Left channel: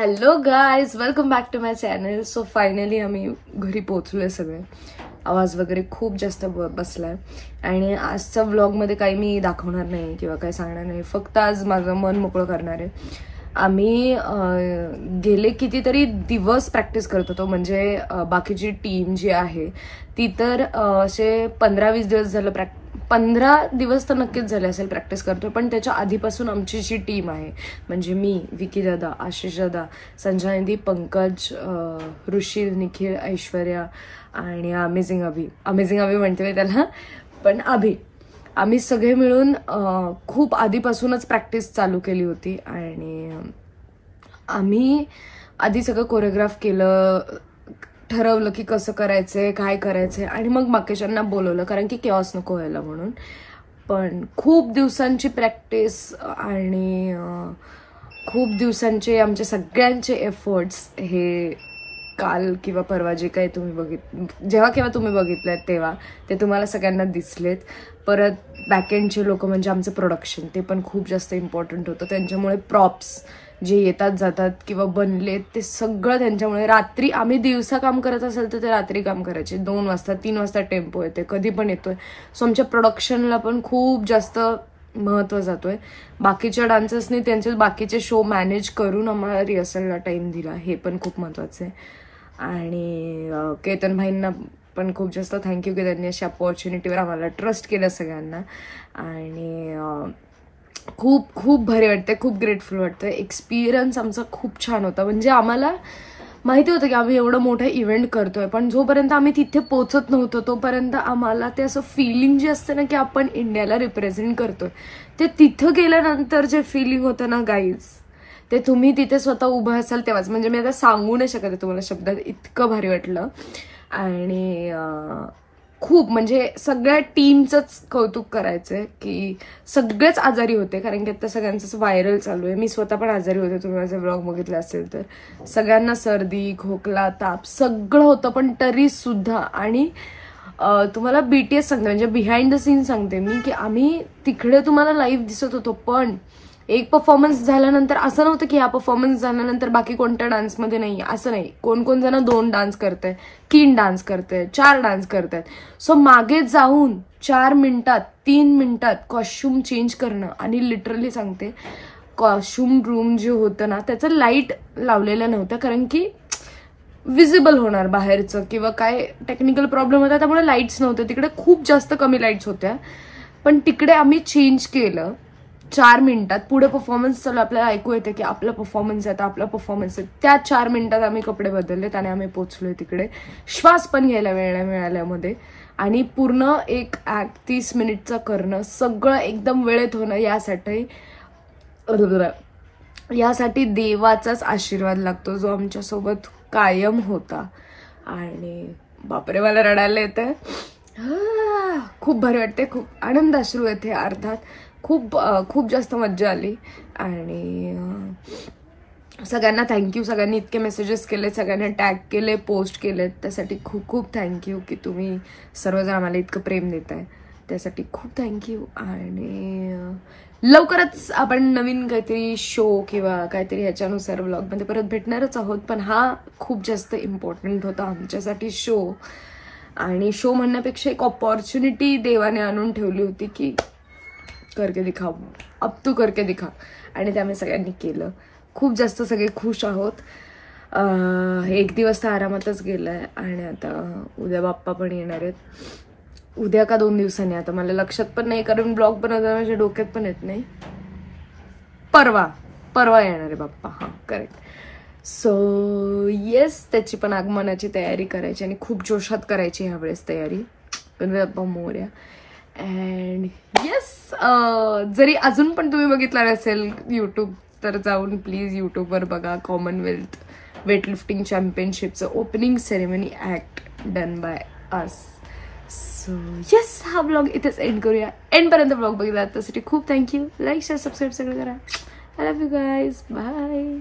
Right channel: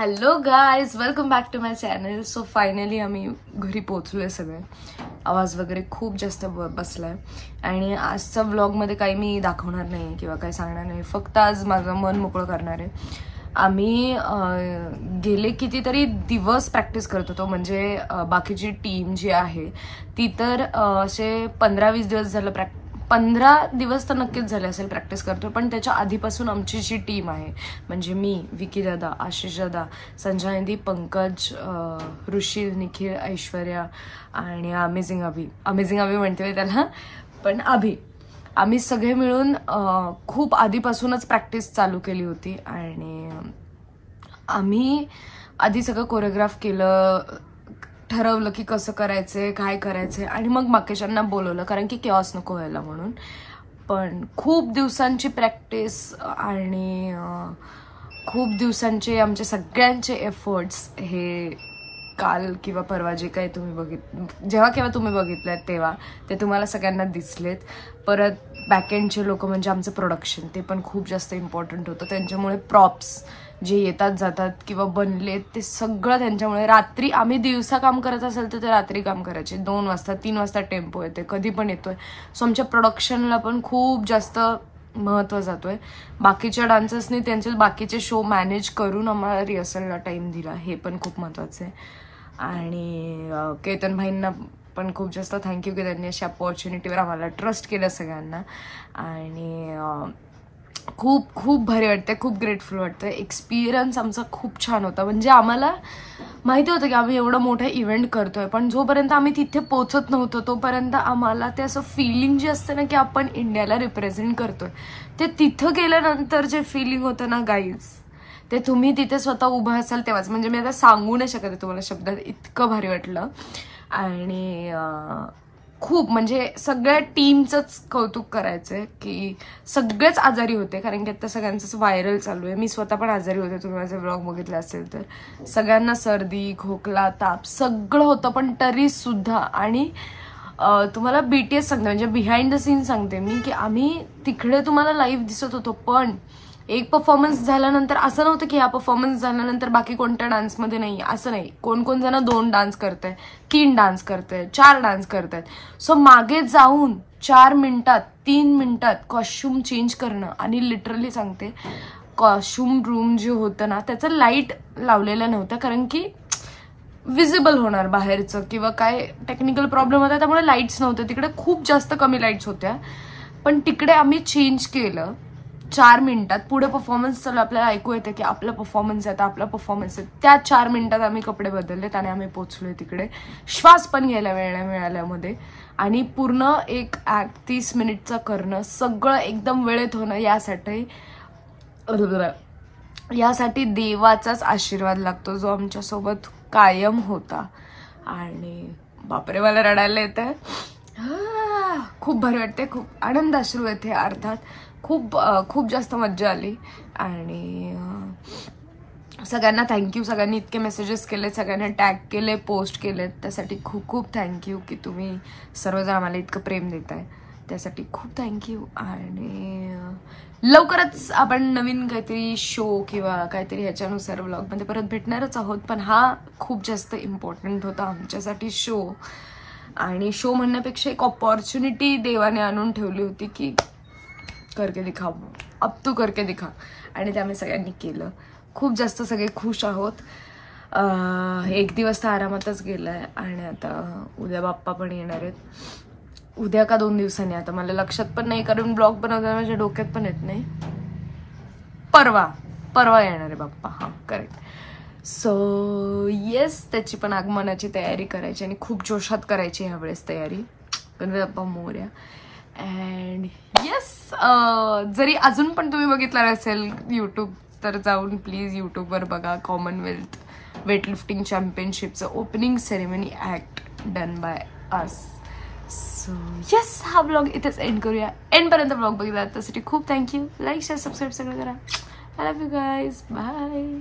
Hello guys, welcome back to my channel. So finally आम्ही घरी पोहोचलोय. सगळे आवाज वगैरे खूप जास्त बसलाय आणि आजच्या व्लॉगमध्ये काही मी दाखवणार नाही किंवा काही सांगणार नाही. फक्त आज माझं मन मोकळं करणार आहे. आम्ही गेले कितीतरी दिवस प्रॅक्टिस करत होतो. म्हणजे बाकीची टीम जी आहे ती तर असे 15-20 दिवस झालं 15 दिवस तर नक्कीच झाले असेल प्रॅक्टिस करतोय. पण त्याच्या आधीपासून आमची जी टीम आहे म्हणजे मी, विकी दादा, आशिष दादा, संजय, पंकज, ऋषी, निखिल, ऐश्वर्या आणि अमेझिंग अभि म्हणते त्याला, पण अभि, आम्ही सगळे मिळून खूप आधीपासूनच प्रॅक्टिस चालू केली होती. आणि आम्ही आधी सगळं कोरिओग्राफ केलं, ठरवलं की कसं करायचंय, काय करायचंय, आणि मग बाकीच्यांना बोलवलं कारण की केऑस नको व्हायला म्हणून. पण खूप दिवसांची प्रॅक्टिस आणि खूप दिवसांचे आमचे सगळ्यांचे एफर्ट्स हे काल किंवा परवा जे काही तुम्ही जेव्हा केव्हा तुम्ही बघितलेत तेव्हा ते तुम्हाला सगळ्यांना दिसलेत. परत बॅकएंडचे लोक म्हणजे आमचं प्रोडक्शन, ते पण खूप जास्त इम्पॉर्टंट होतं. त्यांच्यामुळे प्रॉप्स जे येतात जातात किंवा बनलेत ते सगळं त्यांच्यामुळे. रात्री आम्ही दिवसा काम करत असेल तर ते रात्री काम करायचे. 2 वाजता 3 वाजता टेम्पो येते, कधी पण येतोय. सो आमच्या प्रोडक्शनला पण खूप जास्त महत्व जातोय. बाकीच्या डान्सर्सनी त्यांचे बाकीचे शो मॅनेज करून आम्हाला रिहर्सलला टाइम दिला, हे पण खूप महत्वाचं आहे. आणि केतन भाईंना पण खूप जास्त थँक्यू की त्यांनी अशा ऑपॉर्च्युनिटीवर आम्हाला ट्रस्ट केलं सगळ्यांना. आणि खूप खूप भारी वाटतंय, खूप ग्रेटफुल वाटतंय. एक्सपिरियन्स आमचा खूप छान होता. म्हणजे आम्हाला माहिती होतं की आम्ही एवढं मोठं इव्हेंट करतोय, पण जोपर्यंत आम्ही तिथे पोहोचत नव्हतो तोपर्यंत आम्हाला ते असं फिलिंग जे असतं ना की आपण इंडियाला रिप्रेझेंट करतोय, ते तिथं गेल्यानंतर जे फिलिंग होतं ना गाईज, ते तुम्ही तिथे स्वतः उभं असाल तेव्हाच. म्हणजे मी आता सांगू नाही शकत तुम्हाला शब्दात, इतकं भारी वाटलं. आणि खूप म्हणजे सगळ्या टीमचंच कौतुक करायचंय की सगळेच आजारी होते, कारण की आता सगळ्यांचंच व्हायरल चालू आहे. मी स्वतः पण आजारी होते, तुम्ही माझे ब्लॉग बघितले असेल तर. सगळ्यांना सर्दी, खोकला, ताप सगळं होतं, पण तरी सुद्धा. आणि तुम्हाला बीटीएस सांगते, म्हणजे बिहाइंड द सीन सांगते मी, की आम्ही तिकडे तुम्हाला लाईव्ह दिसत होतो, पण एक परफॉर्मन्स झाल्यानंतर असं नव्हतं की हा परफॉर्मन्स झाल्यानंतर बाकी कोणत्या डान्समध्ये नाही, असं नाही. कोण जण 2 डान्स करताय, 3 डान्स करताय, 4 डान्स करतायत. सो मागे जाऊन 4 मिनिटात 3 मिनिटात कॉस्ट्युम चेंज करणं. आणि लिटरली सांगते, कॉस्ट्युम रूम जे होतं ना त्याचं लाईट लावलेलं नव्हतं, कारण की विजिबल होणार बाहेरचं किंवा काय टेक्निकल प्रॉब्लेम होता, त्यामुळे लाईट्स नव्हते तिकडे. खूप जास्त कमी लाईट्स होत्या, पण तिकडे आम्ही चेंज केलं 4 मिनिटात. पुढे परफॉर्मन्स चालू, आपल्याला ऐकू येते की आपला परफॉर्मन्स आहे, आपला परफॉर्मन्स आहे. त्या 4 मिनिटात आम्ही कपडे बदललेत आणि आम्ही पोहोचलोय तिकडे. श्वास पण घ्यायला वेळ नाही मिळाल्यामध्ये. आणि पूर्ण एक ऍक्ट 30 मिनिटचा करणं, सगळं एकदम वेळेत होणं, यासाठी देवाचाच आशीर्वाद लागतो, जो आमच्यासोबत कायम होता. आणि बापरे, मला रडायला येतंय. खूप भारी वाटते, खूप आनंद अश्रू येते अर्थात. खूप जास्त मज्जा आली. आणि सगळ्यांना थँक्यू. सगळ्यांनी इतके मेसेजेस केले, सगळ्यांनी टॅग केले, पोस्ट केलेत, त्यासाठी खूप खूप थँक्यू की तुम्ही सर्वजण आम्हाला इतकं प्रेम देताय, त्यासाठी खूप थँक्यू. आणि लवकरच आपण नवीन काहीतरी शो किंवा काहीतरी ह्याच्यानुसार व्लॉगमध्ये परत भेटणारच आहोत. पण हा खूप जास्त इम्पॉर्टंट होता आमच्यासाठी शो. आणि शो म्हणण्यापेक्षा एक ऑपॉर्च्युनिटी देवाने आणून ठेवली होती की करके दिखा, अब तू करके दिखा. आणि ते आम्ही सगळ्यांनी केलं. खूप जास्त सगळे खुश आहोत. 1 दिवस तर आरामातच गेलाय. आणि आता उद्या बाप्पा पण येणार आहेत. उद्या का 2 दिवसांनी, आता मला लक्षात पण नाही, कारण ब्लॉग बनवताना माझ्या डोक्यात पण येत नाही. परवा येणार आहे बाप्पा. हा, करेक्ट. सो येस, त्याची पण आगमनाची तयारी करायची आणि खूप जोशात करायची ह्यावेळेस तयारी. गणपती बाप्पा मोरया. अँड येस, जरी अजून पण तुम्ही बघितलं नसेल युट्यूब, तर जाऊन प्लीज युट्यूबवर बघा. कॉमनवेल्थ वेटलिफ्टिंग चॅम्पियनशिपचं opening ceremony act done by us. So yes, हा ब्लॉग इथेच एंड करूया. एंडपर्यंत ब्लॉग बघितला त्यासाठी खूप थँक्यू. लाईक, शेअर, सबस्क्राईब सगळं करा. I love you guys. Bye.